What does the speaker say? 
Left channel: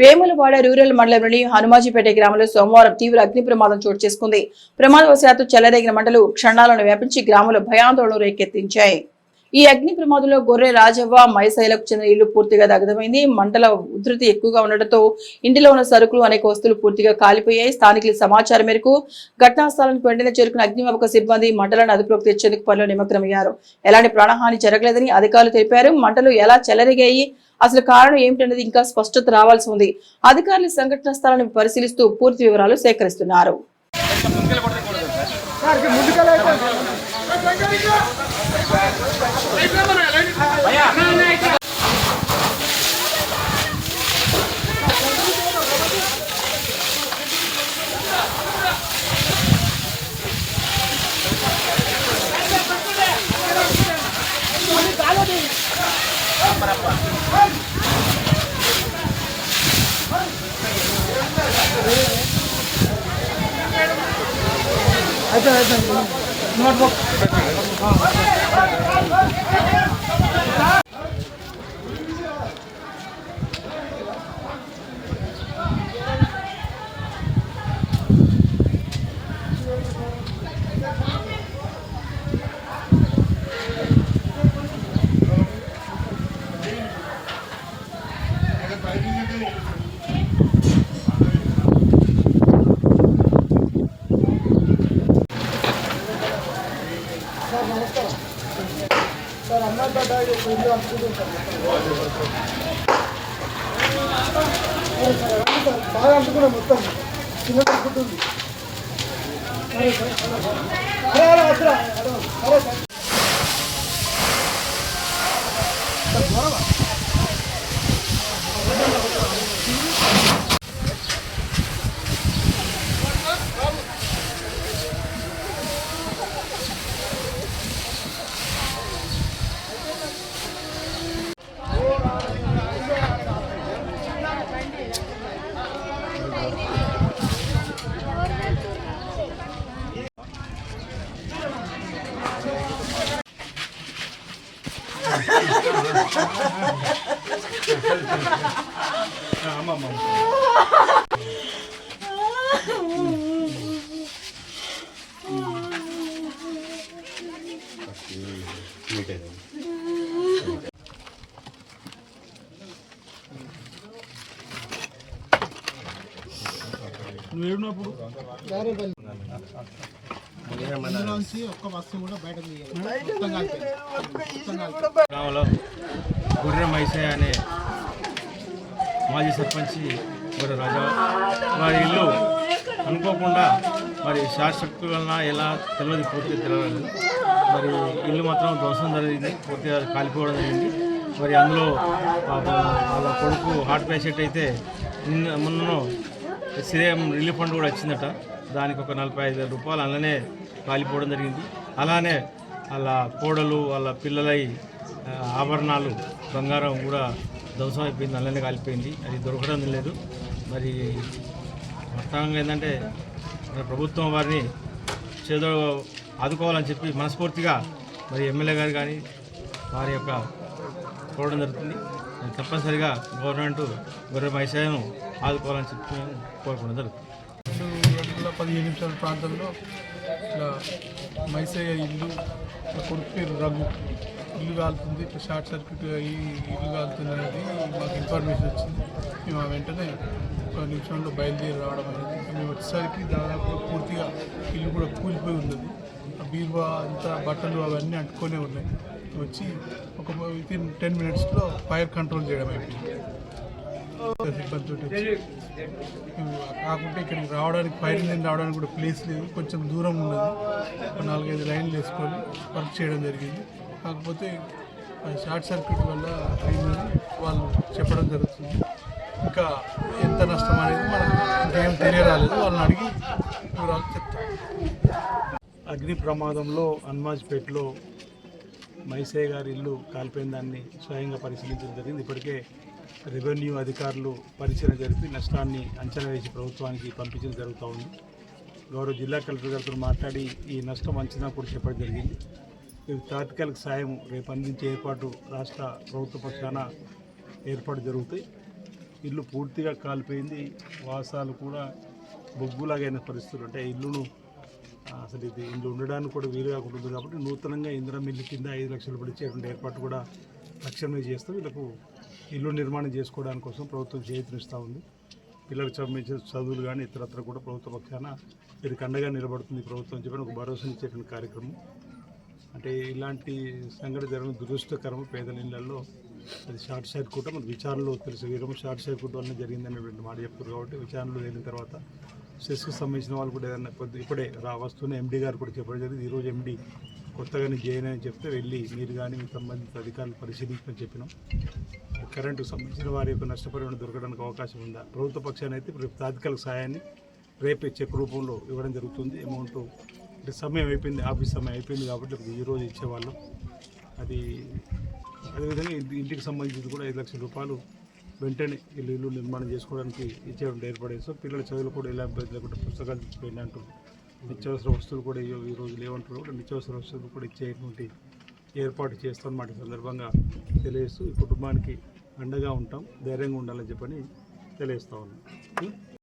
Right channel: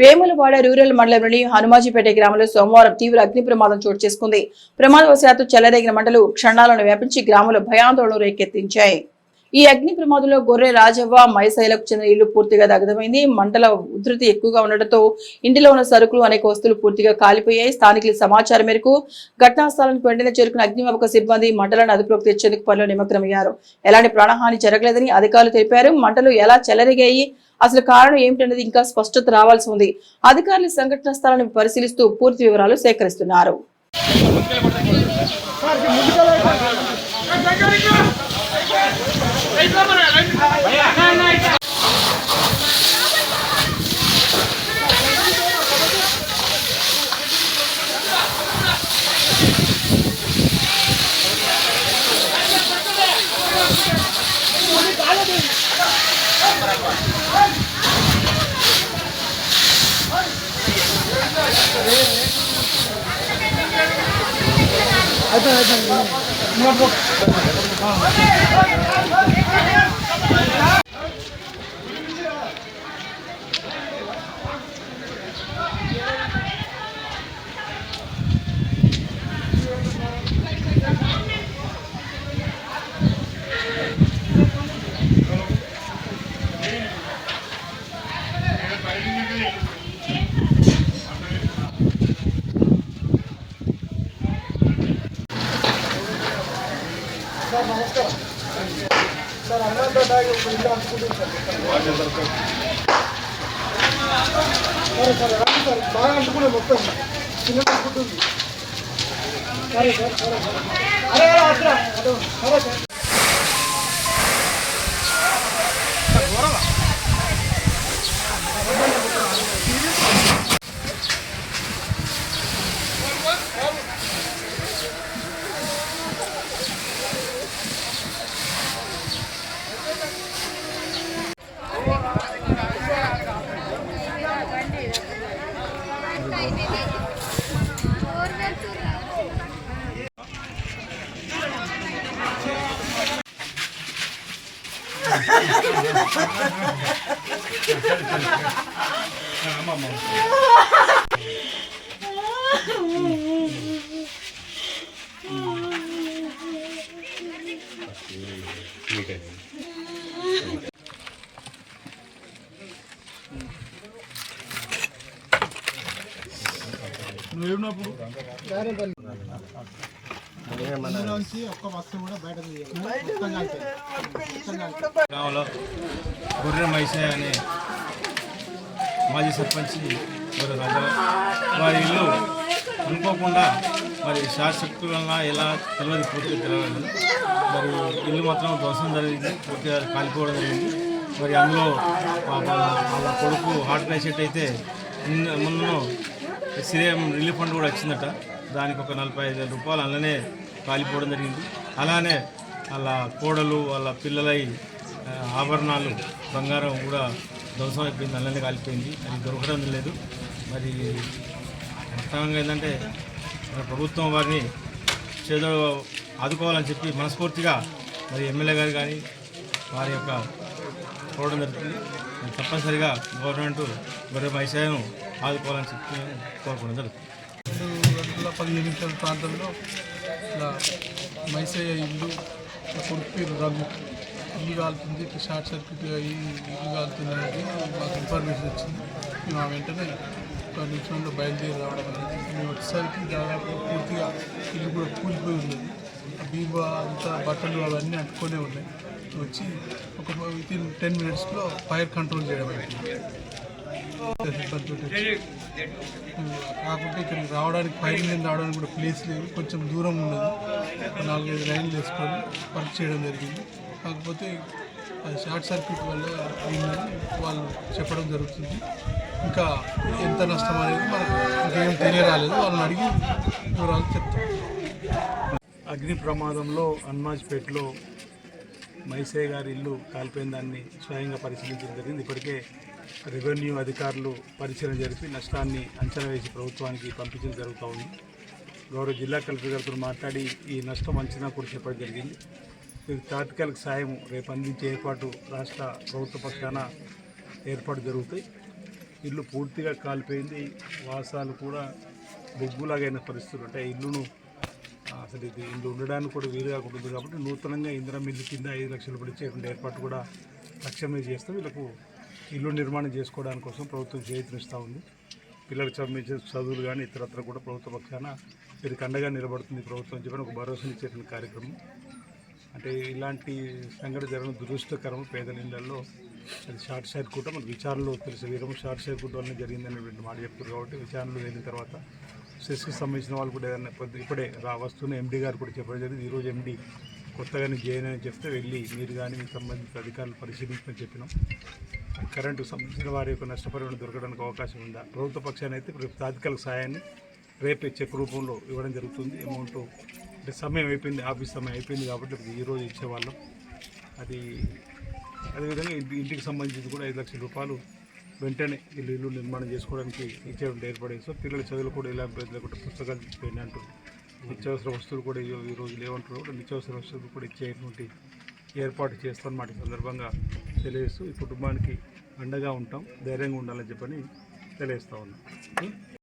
Vemulawada rural మండలంలోని హనుమాజీపేట గ్రామంలో సోమవారం తీవ్ర అగ్ని ప్రమాదం చోటు చేసుకుంది. ప్రమాదవశాత్తు చెలరేగిన మంటలు క్షణాలను వ్యాపించి గ్రామంలో భయాందోళన రేకెత్తించాయి. ఈ అగ్ని ప్రమాదంలో గొర్రె రాజవ్వ మైసైలకు చెందిన ఇల్లు పూర్తిగా దగ్ధమైంది. మంటల ఉధృతి ఎక్కువగా ఉండటంతో ఇంటిలో ఉన్న సరుకులు అనేక వస్తువులు పూర్తిగా కాలిపోయాయి. స్థానికుల సమాచారం మేరకు ఘటనా స్థలానికి వెంటనే చేరుకున్న అగ్నిమాపక సిబ్బంది మంటలను అదుపులోకి తెచ్చేందుకు పనిలో నిమగ్నమయ్యారు. ఎలాంటి ప్రాణహాని జరగలేదని అధికారులు తెలిపారు. మంటలు ఎలా చెలరేగాయి, అసలు కారణం ఏమిటనేది ఇంకా స్పష్టత రావాల్సి ఉంది. అధికారులు సంఘటనా స్థలాన్ని పరిశీలిస్తూ పూర్తి వివరాలు సేకరిస్తున్నారు. బాగా అనుకున్నా మొత్తం చిన్న పడుతుంది. నువ్వేనప్పుడు అందులోంచి ఒక్క వస్తువు కూడా బయట గ్రామంలో గొర్రె మైసయ్య అనే మాజీ సర్పంచ్ గొర్రె రాజా వారి ఇల్లు అనుకోకుండా మరి షార్ట్ సర్క్యూట్ వలన ఎలా తెలియదు, పూర్తిగా తెలియదు. మరి ఇల్లు మాత్రం ధ్వంసం జరిగింది, పూర్తిగా కాలిపోవడం జరిగింది. మరి అందులో వాళ్ళ కొడుకు హార్ట్ పేషెంట్ అయితే మొన్న సీఎం రిలీఫ్ ఫండ్ కూడా వచ్చిందట. దానికి ఒక 45,000 రూపాయలు అందులోనే కాలిపోవడం జరిగింది. అలానే వాళ్ళ కోడలు వాళ్ళ పిల్లలై ఆభరణాలు బంగారం కూడా ధ్వంసం అయిపోయింది, అందులోనే కాలిపోయింది. అది దొరకడం లేదు. మరి వాస్తవంగా ఏంటంటే ప్రభుత్వం వారిని చేదో ఆదుకోవాలని చెప్పి మనస్ఫూర్తిగా మరి ఎమ్మెల్యే గారు కానీ వారి యొక్క కోరడం జరుగుతుంది. తప్పనిసరిగా గవర్నమెంట్ గొర్రె మైసయ్యను ఆదుకోవాలని చెప్పి కోరుకోవడం జరుగుతుంది. 2:15 నిమిషాల ప్రాంతంలో ఇలా మైసయ్య ఇల్లు కొడుకు పేరు రఘు ఇల్లు కాలుతుంది, షార్ట్ సర్క్యూట్ అయ్యి ఇల్లు కాలుతుంది అనేది మాకు ఇన్ఫర్మేషన్ వచ్చింది. మేము ఆ వెంటనే ఒక నిమిషంలో బయలుదేరి రావడం అనేది. మేము వచ్చేసరికి దాదాపు పూర్తిగా ఇల్లు కూడా కూలిపోయి ఉన్నది. ఆ బీరువా అంతా బట్టలు అవన్నీ అంటుకొనే ఉన్నాయి. వచ్చి ఒక వితిన్ 10 మినిట్స్లో ఫైర్ కంట్రోల్ చేయడం అయిపోయింది. కాకుంటే ఇక్కడికి రావడానికి ఫైర్ ఇంజిన్ రావడానికి కూడా ప్లేస్ లేదు, కొంచెం దూరం ఉన్నది. 4-5 లైన్లు వేసుకొని వర్క్ చేయడం జరిగింది. కాకపోతే అది షార్ట్ సర్క్యూట్ వల్ల అయిందని వాళ్ళు చెప్పడం జరుగుతుంది. ఇంకా ఎంత నష్టం అనేది మనకు ఇంకేం తెలియరాలేదు, వాళ్ళని అడిగి వివరాలు చెప్తాం. అగ్ని ప్రమాదంలో హనుమాజ్పేటలో మైసయ్య గారి ఇల్లు కాలిపోయిన దాన్ని స్వయంగా పరిశీలించడం జరిగింది. ఇప్పటికే రెవెన్యూ అధికారులు పరిశీలన జరిపి నష్టాన్ని అంచనా వేసి ప్రభుత్వానికి పంపించడం జరుగుతూ ఉంది. గౌరవ జిల్లా కలెక్టర్ గారితో మాట్లాడి ఈ నష్టం అంచనా కూడా చెప్పడం జరిగింది. ఇది తాత్కాలిక సాయం రేపు అందించే ఏర్పాటు రాష్ట్ర ప్రభుత్వ పక్షాన ఏర్పాటు జరుగుతాయి. ఇల్లు పూర్తిగా కాలిపోయింది. వాసాలు కూడా బొగ్గులాగైన పరిస్థితులు. అంటే ఇల్లును అసలు ఇది ఇల్లు ఉండడానికి కూడా వీలు కాకుండా ఉంది కాబట్టి నూతనంగా ఇందిరా మిల్లు కింద 5 లక్షలు పడిచేటువంటి ఏర్పాటు కూడా తక్షణమే చేస్తూ వీళ్ళకు ఇల్లు నిర్మాణం చేసుకోవడానికి కోసం ప్రభుత్వం చేయూతనిస్తూ ఉంది. పిల్లలకు సంబంధించిన చదువులు కానీ ఇతరత్ర కూడా ప్రభుత్వ పక్షాన వీరికి అండగా నిలబడుతుంది ప్రభుత్వం చెప్పని ఒక భరోసానిచ్చేటువంటి కార్యక్రమం. అంటే ఇలాంటి సంఘటన జరగడం దురదృష్టకరం. పేదల ఇళ్లలో అది షార్ట్ సర్క్యూట్ మనకు విచారణలో తెలిసే వీరము షార్ట్ సర్క్యూట్ వల్ల జరిగిందనేటువంటి మాట చెప్తారు. కాబట్టి విచారణలో వెళ్ళిన తర్వాత సెస్కి సంబంధించిన వాళ్ళు కూడా ఏదైనా ఇప్పుడే వస్తున్న ఎండీ గారు కూడా చెప్పడం జరిగింది. ఈరోజు ఎండీ కొత్తగా జాయిన్ అని చెప్తే వెళ్ళి మీరు కానీ మీకు సంబంధించిన అధికారులు పరిశీలించమని చెప్పినాం. కరెంటుకు సంబంధించిన వారి యొక్క నష్టపరిహారం దొరకడానికి అవకాశం ఉందా? ప్రభుత్వ పక్షాన్ని అయితే తాత్కాలిక సాయాన్ని రేపే చెక్ రూపంలో ఇవ్వడం జరుగుతుంది. అమౌంట్ అంటే సమయం అయిపోయింది, ఆఫీస్ సమయం అయిపోయింది కాబట్టి ఈరోజు ఇచ్చేవాళ్ళం. అది అదేవిధంగా ఇంటికి సంబంధించి కూడా 5 లక్షల రూపాయలు వెంటనే ఇల్లు నిర్మాణం చేసుకోవడానికి ఇచ్చేటువంటి ఏర్పడేది. సో పిల్లల చదువులు కూడా ఇలా ఇబ్బంది లేకుండా పుస్తకాలు తీసుకుపోయింది అంటారు. నిత్యావసర వస్తువులు కూడా ఈరోజు లేవంటారు. కూడా నిత్యావసర వస్తువులు కూడా ఇచ్చేటువంటి ఏర్పాటు చేస్తామన్నమాట. ఈ సందర్భంగా తెలియజేస్తూ ఈ కుటుంబానికి అండగా ఉంటాం, ధైర్యంగా ఉండాలని చెప్పని తెలియజేస్తా ఉన్నాం.